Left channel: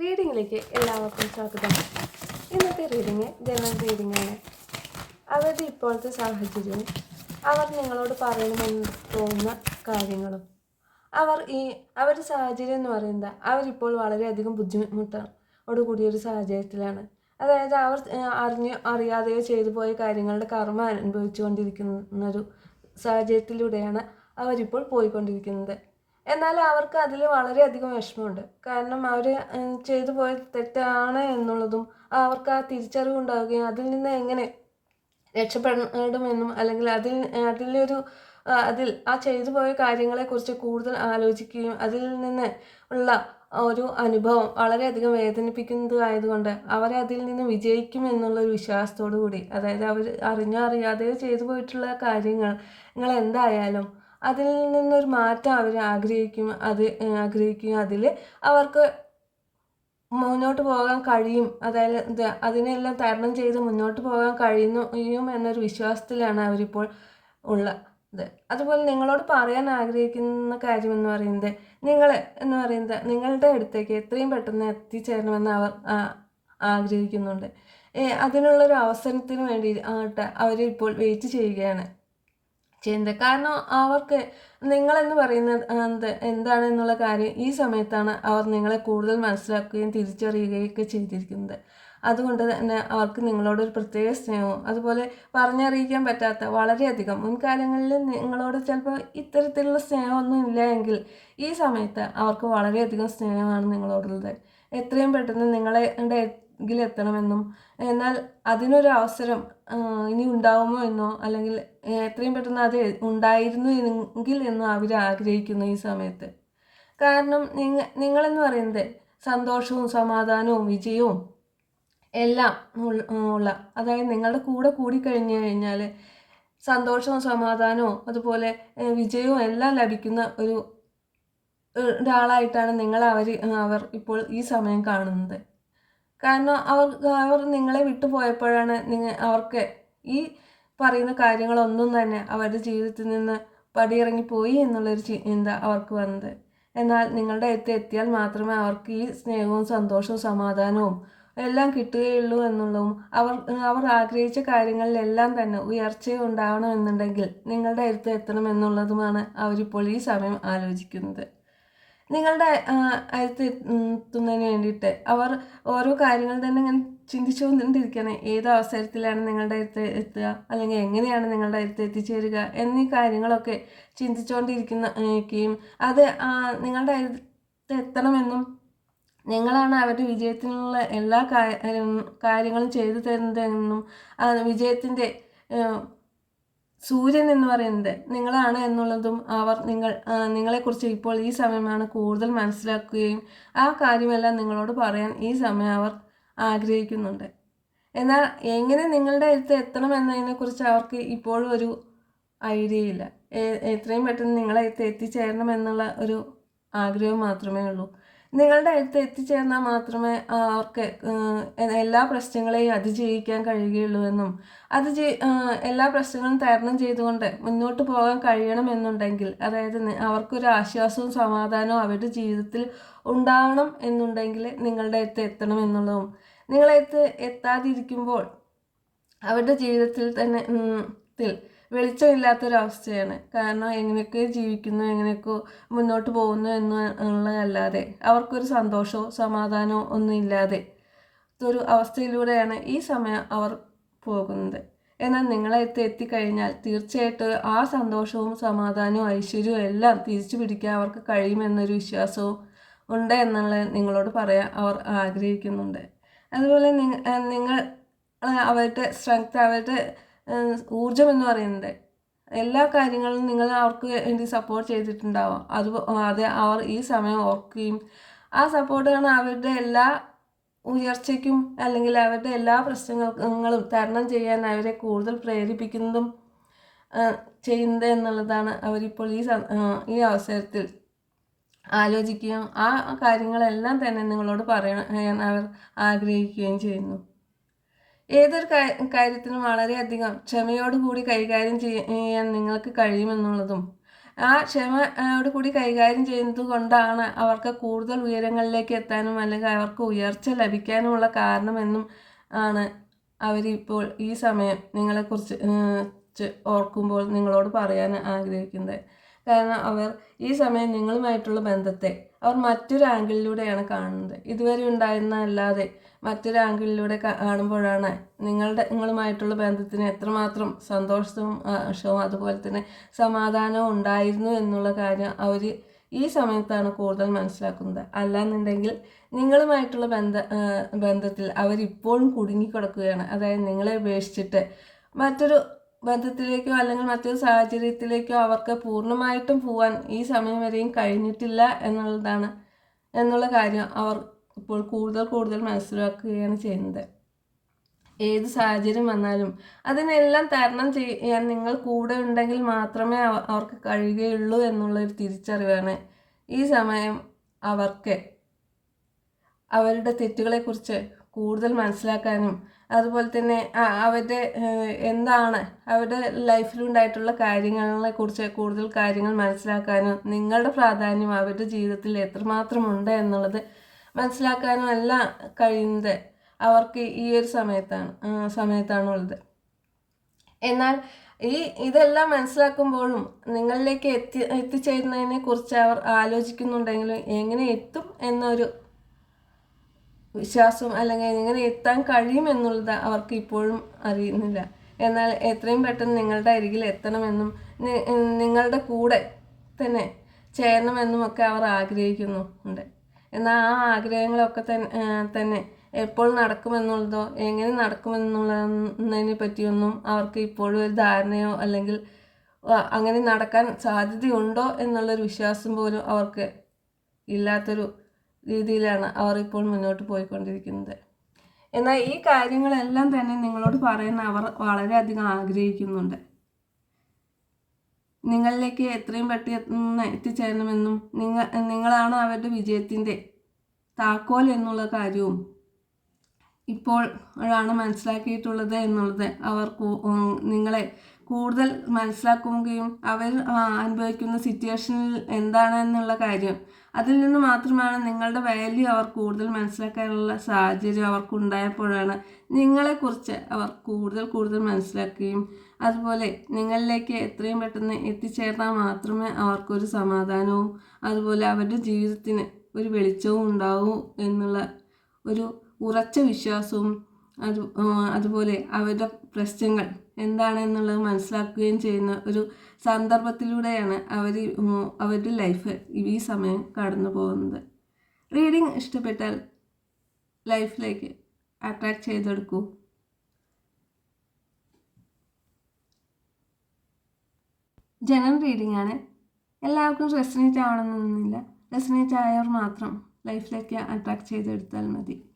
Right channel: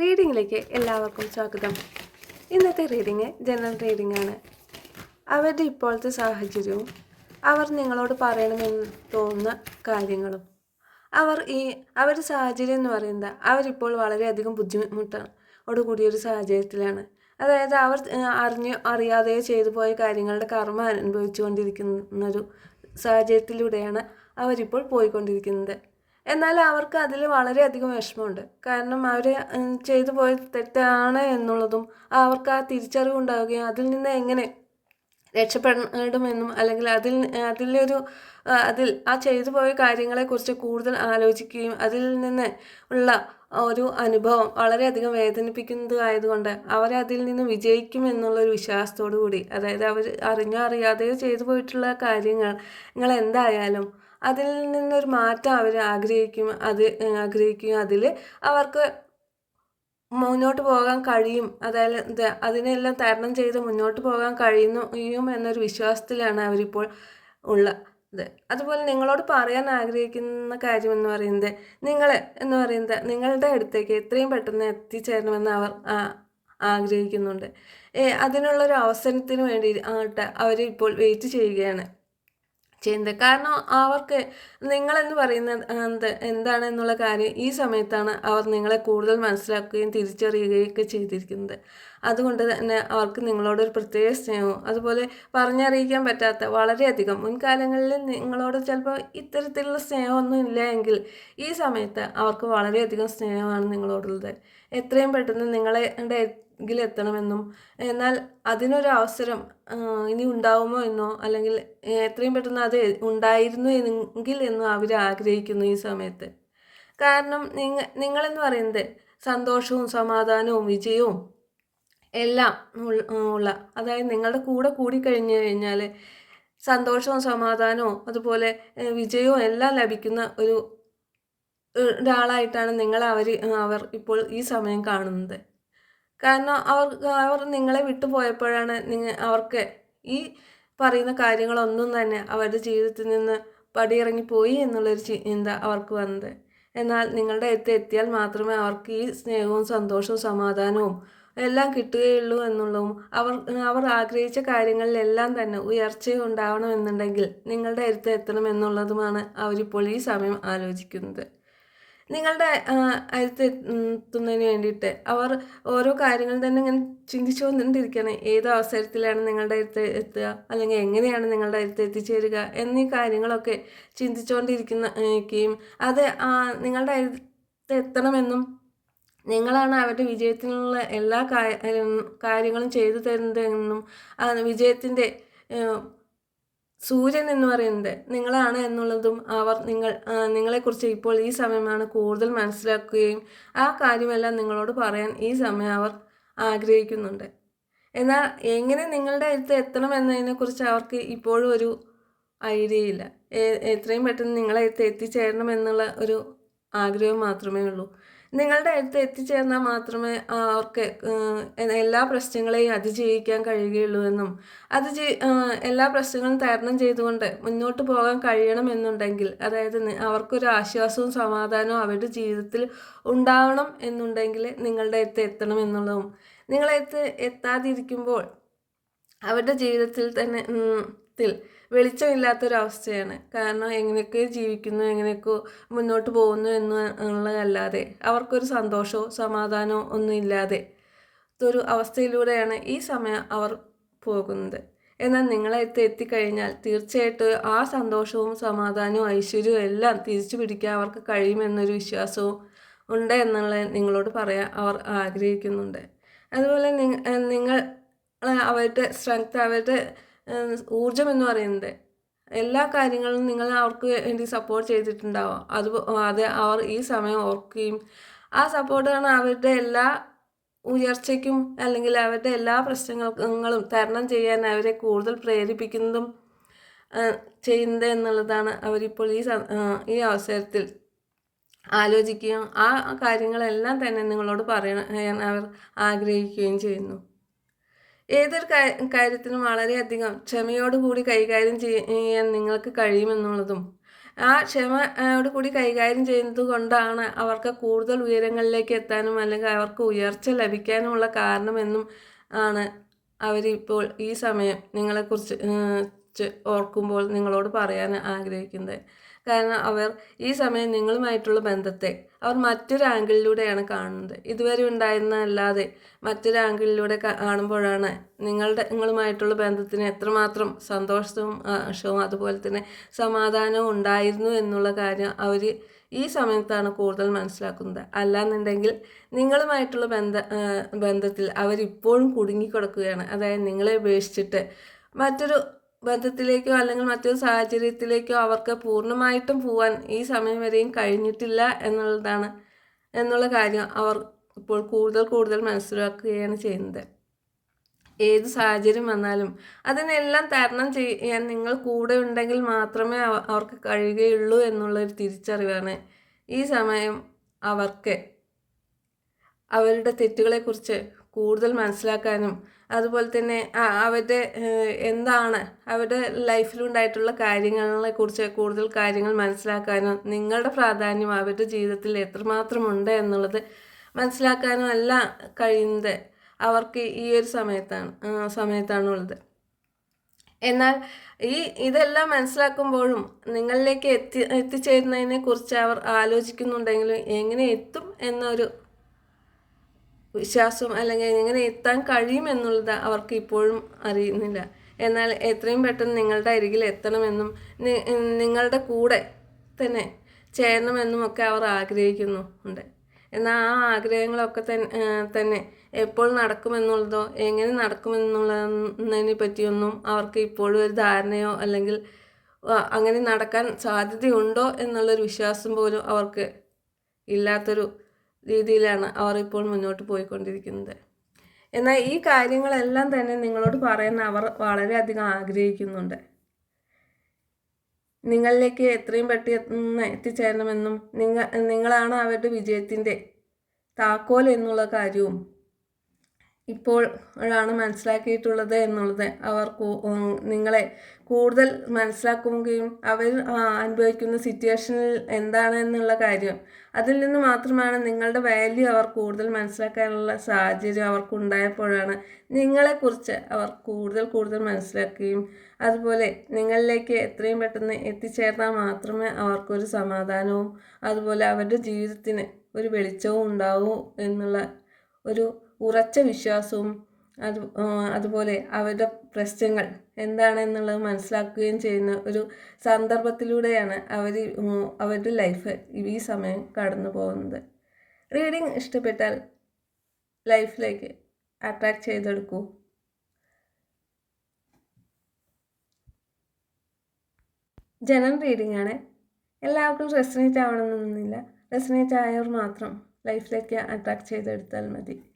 റീഡിങ്ങിലേക്ക് എല്ലാവർക്കും സ്വാഗതം. ഇന്നത്തെ റീഡിങ് ജനറൽ റീഡിംഗ് ആണ്. അവരുടെ ഇപ്പോഴത്തെ സാഹചര്യവും അവർ നിങ്ങളോട് പറയണമെന്ന് തോന്നുന്ന കാര്യങ്ങളും. അവർ ഈ അവരുടെ സാഹചര്യം എന്ന് പറയുന്നത് അവരിപ്പോൾ വളരെയധികം ബുദ്ധിമുട്ടോട് കൂടിയൊരു സാഹചര്യത്തിലാണ്. അതായത് അവർ അറിഞ്ഞ് അറിയാതെയോ ചെയ്തു പോയ കാര്യങ്ങളുടെ കർമ്മം അനുഭവിച്ചുകൊണ്ടിരിക്കുന്ന ഒരു സാഹചര്യത്തിലൂടെയാണ് അവരിപ്പോൾ പോയിക്കൊണ്ടിരിക്കുന്നത്. എന്നാൽ അവർക്ക് അതിൽ വളരെയധികം വിഷമമുണ്ട്. കാരണം അവർ ചെയ്തു പോയ തെറ്റാണ് എന്നുള്ളതും അവർക്ക് ആ തിരിച്ചറിവ് ഉണ്ടാവുകയും അതിൽ നിന്ന് എങ്ങനെ രക്ഷപ്പെടണമെന്നും അല്ലെങ്കിൽ അതിൽ അതിലൊരു അതിൽ ആ ചെയ്തു പോയ കാര്യങ്ങളെക്കുറിച്ച് കൂടുതൽ ആലോചിക്കുകയും അതിൽ നിന്ന് ഉള്ള ഒരു അനുഭവം വളരെയധികം വേദനിപ്പിക്കുന്നത് ആയതുകൊണ്ട് അവർ അതിൽ നിന്ന് വിജയിക്കും എന്നുള്ളൊരു വിശ്വാസത്തോടു കൂടി അതായത് അവർ അറിഞ്ഞോ അറിയാതെയോ ചെയ്തു പോയിട്ടുള്ള കാര്യങ്ങൾ നിങ്ങൾ എന്തായാലും അതിൽ നിന്നൊരു മാറ്റം അവർ ആഗ്രഹിക്കും അത് ആഗ്രഹിക്കും അതിൽ അവർക്ക് മുന്നോട്ട് പോകാൻ കഴിയും. അതായത് അതിനെല്ലാം തരണം ചെയ്ത് മുന്നോട്ട് പോകാൻ കഴിയുന്നു കഴിയും എന്നൊരു വിശ്വാസത്തിലാണ് അവരിപ്പോൾ ഉള്ളത് അതുപോലെ നിങ്ങളോട് പറയാൻ ആഗ്രഹിക്കുന്ന കാര്യം എന്ന് പറയുന്നത് നിങ്ങൾ എന്ന് പറയുന്നത് നിങ്ങളുടെ അടുത്തേക്ക് എത്രയും പെട്ടെന്ന് എത്തിച്ചേരണമെന്ന് അവർ ആഗ്രഹിക്കുന്നുണ്ട്. അതിനുള്ളൊരു അവസരത്തിന് വേണ്ടി ആട്ടെ അവരിപ്പോൾ വെയിറ്റ് ചെയ്യുകയാണ്. ചെയ്യുന്നത് കാരണം അവർക്ക് നിങ്ങളെന്ന് പറയുന്നത് എന്ത് എന്താണെന്നുള്ള കാര്യം ഈ സമയത്താണ് അവർ നിങ്ങളെ കൂടുതൽ മനസ്സിലാക്കുകയും തിരിച്ചറിയുകയും ഒക്കെ ചെയ്തിരിക്കുന്നത്. അതുകൊണ്ട് തന്നെ അവർക്ക് നിങ്ങളോടൊരു പ്രത്യേക സ്നേഹവും അതുപോലെ പറഞ്ഞറിയിക്കാൻ പറ്റാത്ത വളരെയധികം മുൻകാലങ്ങളിൽ നിങ്ങളോട് ചിലപ്പോൾ ഇത്തരത്തിലുള്ള സ്നേഹമൊന്നും ഇല്ല എങ്കിൽ ഈ സമയത്ത് അവർക്ക് വളരെയധികം സ്നേഹമാണ് നിങ്ങളോടുള്ളത്. എത്രയും പെട്ടെന്ന് നിങ്ങളെ എത്തണമെന്നും എന്നാൽ അതിനൊരു അവസരം ഇനി ഉണ്ടാവുമോ എന്നോ അല്ലെങ്കിൽ എത്രയും പെട്ടെന്ന് അത് ഉണ്ടായിരുന്നു എങ്കിൽ എന്നും അവർ ആഗ്രഹിക്കുന്നു ഈ സമയത്ത്. കാരണം നിങ്ങ നിങ്ങളെന്ന് പറയുന്നത് സന്തോഷവും സമാധാനവും വിജയവും എല്ലാം ഉള്ള അതായത് നിങ്ങളുടെ കൂടെ കൂടി കഴിഞ്ഞു കഴിഞ്ഞാൽ സന്തോഷവും സമാധാനവും അതുപോലെ വിജയവും എല്ലാം ലഭിക്കുന്ന ഒരു ഒരാളായിട്ടാണ് നിങ്ങൾ അവർ അവർ ഇപ്പോൾ ഈ സമയം കാണുന്നത്. കാരണം അവർ അവർ നിങ്ങളെ വിട്ടു പോയപ്പോഴാണ് നിങ്ങൾ അവർക്ക് ഈ പറയുന്ന കാര്യങ്ങളൊന്നും തന്നെ അവരുടെ ജീവിതത്തിൽ നിന്ന് പടിയിറങ്ങി പോയി എന്നുള്ളൊരു ചിന്ത അവർക്ക് വന്നത്. എന്നാൽ നിങ്ങളുടെ അടുത്ത് എത്തിയാൽ മാത്രമേ അവർക്ക് ഈ സ്നേഹവും സന്തോഷവും സമാധാനവും എല്ലാം കിട്ടുകയുള്ളൂ എന്നുള്ളതും അവർ അവർ ആഗ്രഹിച്ച കാര്യങ്ങളിലെല്ലാം തന്നെ ഉയർച്ച ഉണ്ടാവണമെന്നുണ്ടെങ്കിൽ നിങ്ങളുടെ അടുത്ത് എത്തണമെന്നുള്ളതുമാണ് അവരിപ്പോൾ ഈ സമയം ആലോചിക്കുന്നത്. നിങ്ങളുടെ ആ, അടുത്ത് എത്തുന്നതിന് വേണ്ടിയിട്ട് അവർ ഓരോ കാര്യങ്ങൾ തന്നെ ഇങ്ങനെ ചിന്തിച്ചുകൊണ്ടിരിക്കുകയാണ്. ഏത് അവസരത്തിലാണ് നിങ്ങളുടെ അടുത്ത് എത്തുക? അല്ലെങ്കിൽ എങ്ങനെയാണ് നിങ്ങളുടെ അടുത്ത് എത്തിച്ചേരുക? എന്നീ കാര്യങ്ങളൊക്കെ ചിന്തിച്ചുകൊണ്ടിരിക്കുന്ന അത് നിങ്ങളുടെ അടുത്ത് എത്തണമെന്നും നിങ്ങളാണ് അവരുടെ വിജയത്തിനുള്ള എല്ലാ കാര്യങ്ങളും ചെയ്തു തരുന്നതെന്നും വിജയത്തിന്റെ സൂര്യൻ എന്ന് പറയുന്നത് നിങ്ങളാണ് എന്നുള്ളതും അവർ നിങ്ങൾ നിങ്ങളെക്കുറിച്ച് ഇപ്പോൾ ഈ സമയമാണ് കൂടുതൽ മനസ്സിലാക്കുകയും ആ കാര്യമെല്ലാം നിങ്ങളോട് പറയാൻ ഈ സമയം അവർ ആഗ്രഹിക്കുന്നുണ്ട്. എന്നാൽ എങ്ങനെ നിങ്ങളുടെ അടുത്ത് എത്തണം എന്നതിനെക്കുറിച്ച് അവർക്ക് ഇപ്പോഴും ഒരു ഐഡിയ ഇല്ല. എത്രയും പെട്ടെന്ന് നിങ്ങളെ അടുത്ത് എത്തിച്ചേരണം എന്നുള്ള ഒരു ആഗ്രഹം മാത്രമേ ഉള്ളൂ. നിങ്ങളുടെ അടുത്ത് എത്തിച്ചേർന്നാൽ മാത്രമേ അവർക്ക് എല്ലാ പ്രശ്നങ്ങളെയും അതിജീവിക്കാൻ കഴിയുകയുള്ളൂ എന്നും അത് എല്ലാ പ്രശ്നങ്ങളും തരണം ചെയ്തുകൊണ്ട് മുന്നോട്ട് പോകാൻ കഴിയണമെന്നുണ്ടെങ്കിൽ അതായത് അവർക്കൊരു ആശ്വാസവും സമാധാനവും അവരുടെ ജീവിതത്തിൽ ഉണ്ടാവണം എന്നുണ്ടെങ്കിൽ നിങ്ങളുടെ അടുത്ത് എത്തണം എന്നുള്ളതും നിങ്ങളെ എത്താതിരിക്കുമ്പോൾ അവരുടെ ജീവിതത്തിൽ തന്നെ ത്തിൽ വെളിച്ചമില്ലാത്തൊരവസ്ഥയാണ്. കാരണം എങ്ങനെയൊക്കെ ജീവിക്കുന്നു എങ്ങനെയൊക്കെ മുന്നോട്ട് പോകുന്നു എന്ന് ഉള്ളതല്ലാതെ അവർക്കൊരു സന്തോഷമോ സമാധാനമോ ഒന്നും ഇല്ലാതെ ഒരു അവസ്ഥയിലൂടെയാണ് ഈ സമയം അവർ പോകുന്നത്. എന്നാൽ നിങ്ങളെ എത്തി എത്തിക്കഴിഞ്ഞാൽ തീർച്ചയായിട്ടും ആ സന്തോഷവും സമാധാനവും ഐശ്വര്യവും എല്ലാം തിരിച്ചു പിടിക്കാൻ അവർക്ക് കഴിയുമെന്നൊരു വിശ്വാസവും ഉണ്ട് എന്നുള്ളത് നിങ്ങളോട് പറയാൻ അവർ ആഗ്രഹിക്കുന്നുണ്ട്. അതുപോലെ നിങ്ങൾ അവരുടെ സ്ട്രെങ്ത് അവരുടെ ഊർജം എന്ന് പറയുന്നത്. എല്ലാ കാര്യങ്ങളും നിങ്ങൾ അവർക്ക് വേണ്ടി സപ്പോർട്ട് ചെയ്തിട്ടുണ്ടാവാം. അത് അത് അവർ ഈ സമയം ഓർക്കുകയും ആ സപ്പോർട്ടാണ് അവരുടെ എല്ലാ ഉയർച്ചയ്ക്കും അല്ലെങ്കിൽ അവരുടെ എല്ലാ പ്രശ്നങ്ങളും തരണം ചെയ്യാൻ അവരെ കൂടുതൽ പ്രേരിപ്പിക്കുന്നതും ചെയ്യുന്നത് എന്നുള്ളതാണ് അവരിപ്പോൾ ഈ ഈ അവസരത്തിൽ ആലോചിക്കുകയും ആ കാര്യങ്ങളെല്ലാം തന്നെ നിങ്ങളോട് പറയാൻ അവർ ആഗ്രഹിക്കുകയും ചെയ്യുന്നു. ഏതൊരു കാര്യത്തിനും വളരെയധികം ക്ഷമയോടുകൂടി കൈകാര്യം ചെയ്യാൻ നിങ്ങൾക്ക് കഴിയുമെന്നുള്ളതും ആ ക്ഷമയോട് കൂടി കൈകാര്യം ചെയ്യുന്നത് കൊണ്ടാണ് അവർക്ക് കൂടുതൽ ഉയരങ്ങളിലേക്ക് എത്താനും അല്ലെങ്കിൽ അവർക്ക് ഉയർച്ച ലഭിക്കാനുമുള്ള കാരണമെന്നും ആണ് അവരിപ്പോൾ ഈ സമയം നിങ്ങളെക്കുറിച്ച് ഓർക്കുമ്പോൾ നിങ്ങളോട് പറയാൻ ആഗ്രഹിക്കുന്നത്. കാരണം അവർ ഈ സമയം നിങ്ങളുമായിട്ടുള്ള ബന്ധത്തെ അവർ മറ്റൊരു ആംഗിളിലൂടെയാണ് കാണുന്നത്. ഇതുവരെ ഉണ്ടായിരുന്ന അല്ലാതെ മറ്റൊരു ആംഗിളിലൂടെ കാണുമ്പോഴാണ് നിങ്ങളുടെ നിങ്ങളുമായിട്ടുള്ള ബന്ധത്തിന് എത്രമാത്രം സന്തോഷവും ആഷവും അതുപോലെ തന്നെ സമാധാനവും ഉണ്ടായിരുന്നു എന്നുള്ള കാര്യം അവർ ഈ സമയത്താണ് കൂടുതൽ മനസ്സിലാക്കുന്നത്. അല്ലാന്നുണ്ടെങ്കിൽ നിങ്ങളുമായിട്ടുള്ള ബന്ധ ബന്ധത്തിൽ അവരിപ്പോഴും കുടുങ്ങിക്കിടക്കുകയാണ്. അതായത് നിങ്ങളെ ഉപേക്ഷിച്ചിട്ട് മറ്റൊരു ബന്ധത്തിലേക്കോ അല്ലെങ്കിൽ മറ്റൊരു സാഹചര്യത്തിലേക്കോ അവർക്ക് പൂർണമായിട്ടും പോവാൻ ഈ സമയം വരെയും കഴിഞ്ഞിട്ടില്ല എന്നുള്ളതാണ് എന്നുള്ള കാര്യം അവർ ഇപ്പോൾ കൂടുതൽ കൂടുതൽ മനസ്സിലാക്കുകയാണ് ചെയ്യുന്നത്. ഏത് സാഹചര്യം വന്നാലും അതിനെല്ലാം തരണം ചെയ്യാൻ നിങ്ങൾ കൂടെ ഉണ്ടെങ്കിൽ മാത്രമേ അവർക്ക് കഴിയുകയുള്ളൂ എന്നുള്ളൊരു തിരിച്ചറിവാണ് ഈ സമയം അവർക്ക്. അവരുടെ തെറ്റുകളെക്കുറിച്ച് കൂടുതൽ മനസ്സിലാക്കാനും അതുപോലെ തന്നെ അവരുടെ എന്താണ് അവരുടെ ലൈഫിലുണ്ടായിട്ടുള്ള കാര്യങ്ങളെ കുറിച്ച് കൂടുതൽ കാര്യങ്ങൾ മനസ്സിലാക്കാനും നിങ്ങളുടെ പ്രാധാന്യം അവരുടെ ജീവിതത്തിൽ എത്രമാത്രം ഉണ്ട് എന്നുള്ളത് മനസ്സിലാക്കാനും എല്ലാം കഴിയുന്നത് അവർക്ക് ഈ ഒരു സമയത്താണ് സമയത്താണുള്ളത്. എന്നാൽ ഈ ഇതെല്ലാം മനസ്സിലാക്കുമ്പോഴും നിങ്ങളിലേക്ക് എത്തി എത്തിച്ചേരുന്നതിനെ കുറിച്ച് അവർ ആലോചിക്കുന്നുണ്ടെങ്കിലും എങ്ങനെ എത്തും എന്നൊരു വിശ്വാസം അല്ലെങ്കിൽ എങ്ങനെ എത്താൻ കഴിയുമെന്നുള്ളത് അവർക്ക് ഇപ്പോഴും അറിയുന്നില്ല. എന്നാൽ എത്രയും പെട്ടെന്ന് നിങ്ങളുടെ അരികിൽ എത്തണമെന്നും നിങ്ങളുടെ കൂടെ തന്നെ ചേരണമെന്നും ഒക്കെ അവർ ആഗ്രഹിക്കുന്നു ഉണ്ട് എന്നാൽ ആ ആഗ്രഹങ്ങളൊക്കെ തന്നെ എപ്പോൾ നടക്കുമെന്നുള്ളതോ എങ്ങനെ നടക്കുമെന്നുള്ളതിനെ പറ്റിയൊന്നും അവർക്ക് ഇപ്പോഴും ഒരു ധാരണയോ അല്ലെങ്കിൽ അങ്ങനെ നടക്കാൻ സാധ്യതയുണ്ടോ എന്നുള്ളൊരു വിശ്വാസം പോലും അവർക്ക് ഇല്ലാത്തൊരു രീതിയിലാണ് അവർ ഇപ്പോൾ മുന്നോട്ട് പോയിക്കൊണ്ടിരിക്കുന്നത്. എന്നാൽ ഈ കാര്യങ്ങളെല്ലാം തന്നെ നിങ്ങളോട് പറയുന്ന അവർ വളരെയധികം ആഗ്രഹിക്കുന്നുണ്ട്. നിങ്ങളിലേക്ക് എത്രയും പെട്ടെന്ന് എത്തിച്ചേരണമെന്നും നിങ്ങൾ നിങ്ങളാണ് അവരുടെ വിജയത്തിന്റെ താക്കോൽ എന്നുള്ള കാര്യവും ഇപ്പോൾ ആണ് മനസ്സിലാക്കിയിട്ടുള്ളത് എന്നുള്ളത് അവർ നിങ്ങളെ കൂടുതൽ മനസ്സിലാക്കുകയും അവർ അനുഭവിക്കുന്ന സിറ്റുവേഷനിൽ എന്താണ് എന്നുള്ള കാര്യം അതിൽ നിന്ന് മാത്രമാണ് നിങ്ങളുടെ വാല്യൂ അവർ കൂടുതൽ മനസ്സിലാക്കാനുള്ള സാഹചര്യം അവർക്കുണ്ടായപ്പോഴാണ് നിങ്ങളെക്കുറിച്ച് അവർ കൂടുതൽ കൂടുതൽ മനസ്സിലാക്കുകയും അതുപോലെ നിങ്ങളിലേക്ക് എത്രയും പെട്ടെന്ന് എത്തിച്ചേർന്നാൽ മാത്രമേ അവർക്കൊരു സമാധാനവും അതുപോലെ അവരുടെ ജീവിതത്തിന് ഒരു വെളിച്ചവും ഉണ്ടാവൂ എന്നുള്ള ഒരു ഉറച്ച വിശ്വാസവും അത് അതുപോലെ അവരുടെ പ്രശ്നങ്ങൾ എന്താണെന്നുള്ളത് മനസ്സിലാക്കുകയും ചെയ്യുന്ന ഒരു സന്ദർഭത്തിലൂടെയാണ് അവർ അവരുടെ ലൈഫ് ഈ സമയം കടന്നു പോകുന്നത്. റീഡിങ് ഇഷ്ടപ്പെട്ടാൽ ലൈഫിലേക്ക് അട്രാക്ട് ചെയ്തെടുക്കൂ. ജനറൽ റീഡിംഗ് ആണ്. എല്ലാവർക്കും റെസിനേറ്റ് ആവണമെന്നൊന്നുമില്ല. റെസിനേറ്റ് ആയവർ മാത്രം ലൈഫിലേക്ക് അട്രാക്ട് ചെയ്തെടുത്താൽ മതി.